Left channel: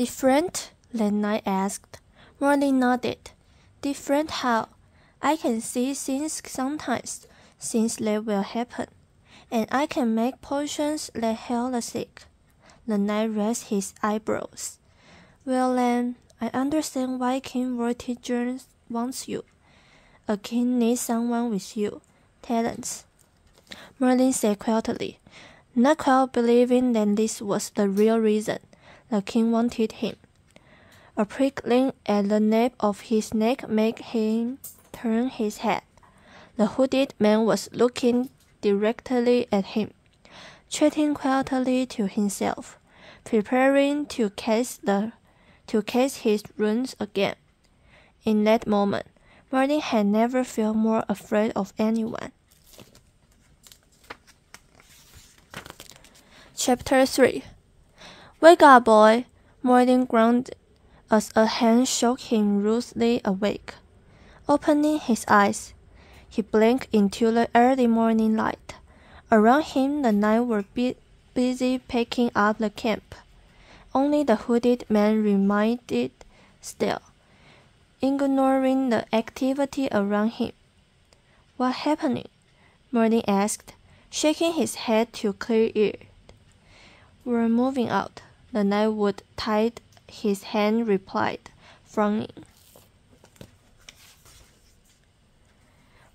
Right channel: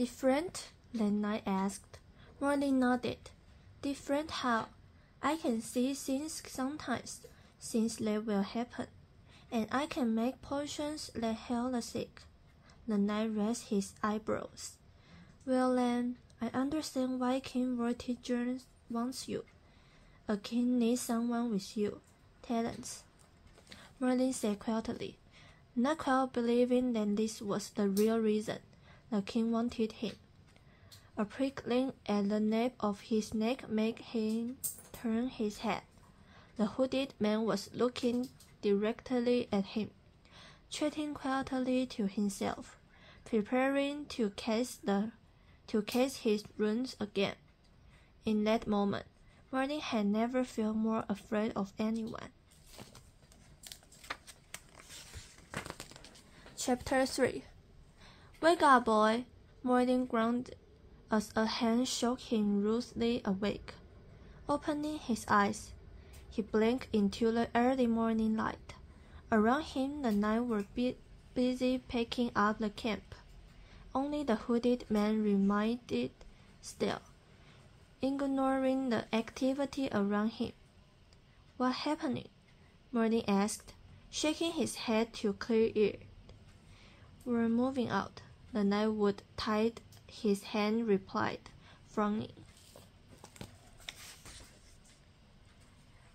Different? Lena asked. Martin nodded. Different how? I can see things sometimes, things that will happen, and I can make potions that heal the sick. The knight raised his eyebrows. Well then, I understand why King Vortigern wants you. A king needs someone with you. Talents. Merlin said quietly, not quite believing that this was the real reason the king wanted him. A prickling at the nape of his neck made him turn his head. The hooded man was looking directly at him, chatting quietly to himself, preparing to cast his runes again. In that moment, Martin had never felt more afraid of anyone. Chapter 3. Wake up, boy, Martin groaned as a hand shook him rudely awake. Opening his eyes, he blinked into the early morning light. Around him the knights were busy packing up the camp. Only the hooded man remained still, ignoring the activity around him. What's happening? Martin asked, shaking his head to clear it. We're moving out, the knight would tied his hand replied, frowning.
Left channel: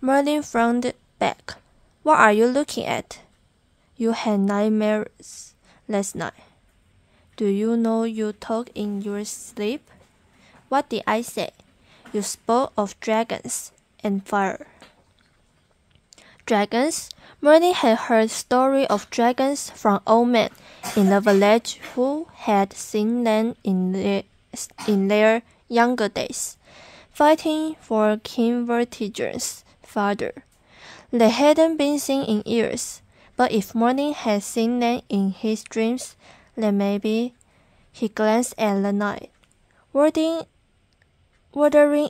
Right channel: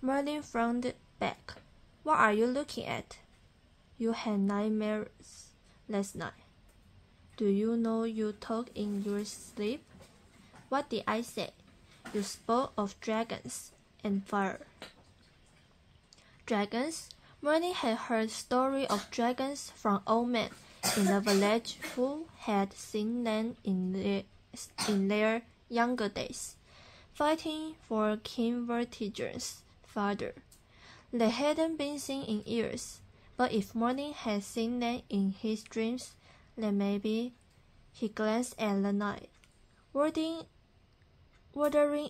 Merlin frowned back. What are you looking at? You had nightmares last night. Do you know you talk in your sleep? What did I say? You spoke of dragons and fire. Dragons? Merlin had heard stories of dragons from old men in the village who had seen them in their younger days, fighting for King Vortigern's father. They hadn't been seen in years, but if Martin had seen them in his dreams, then maybe. He glanced at the knight, wondering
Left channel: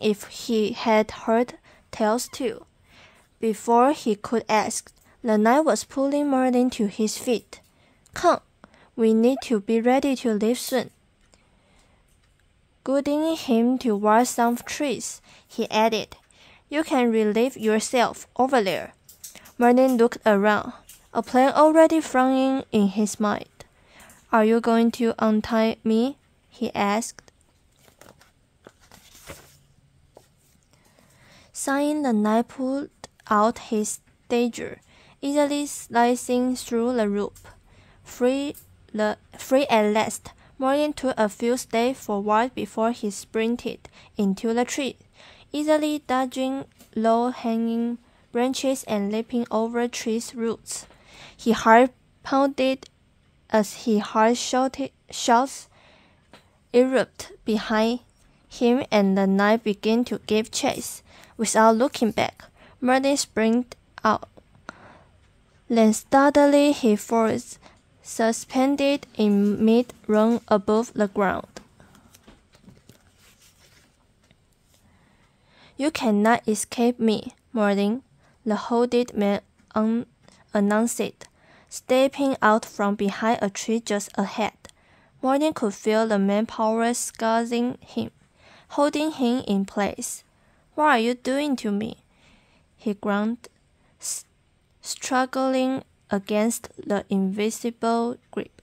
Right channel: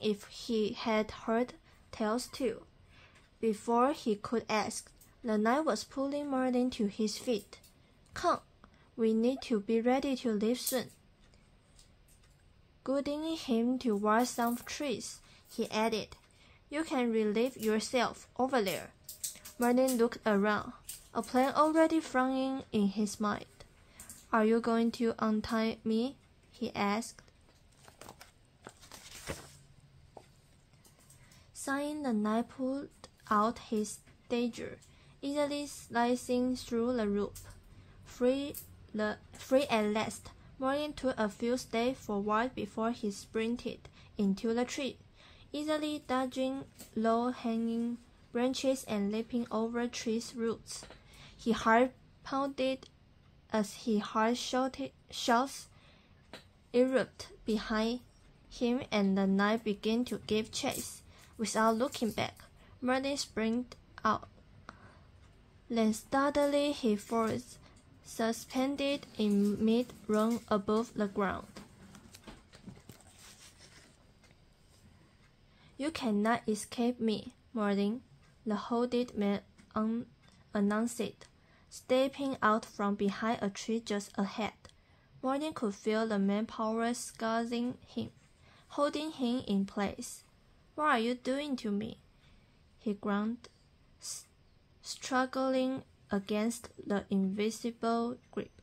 if he had heard tales too. Before he could ask, the knight was pulling Martin to his feet. Come, we need to be ready to leave soon. Guiding him toward some trees, he added, You can relieve yourself over there. Martin looked around, a plan already forming in his mind. Are you going to untie me? He asked. Sighing, the knight pulled out his dagger, easily slicing through the rope. Free at last, Martin took a few steps forward before he sprinted into the tree, easily dodging low-hanging branches and leaping over trees' roots. His heart pounded as he heard shouts erupt behind him, and the knight began to give chase. Without looking back, Martin sprang out. Then suddenly he froze, suspended in mid-run above the ground. You cannot escape me, Martin, the hooded man announced, stepping out from behind a tree just ahead. Martin could feel the manpower squeezing him, holding him in place. What are you doing to me? He groaned, struggling against the invisible grip.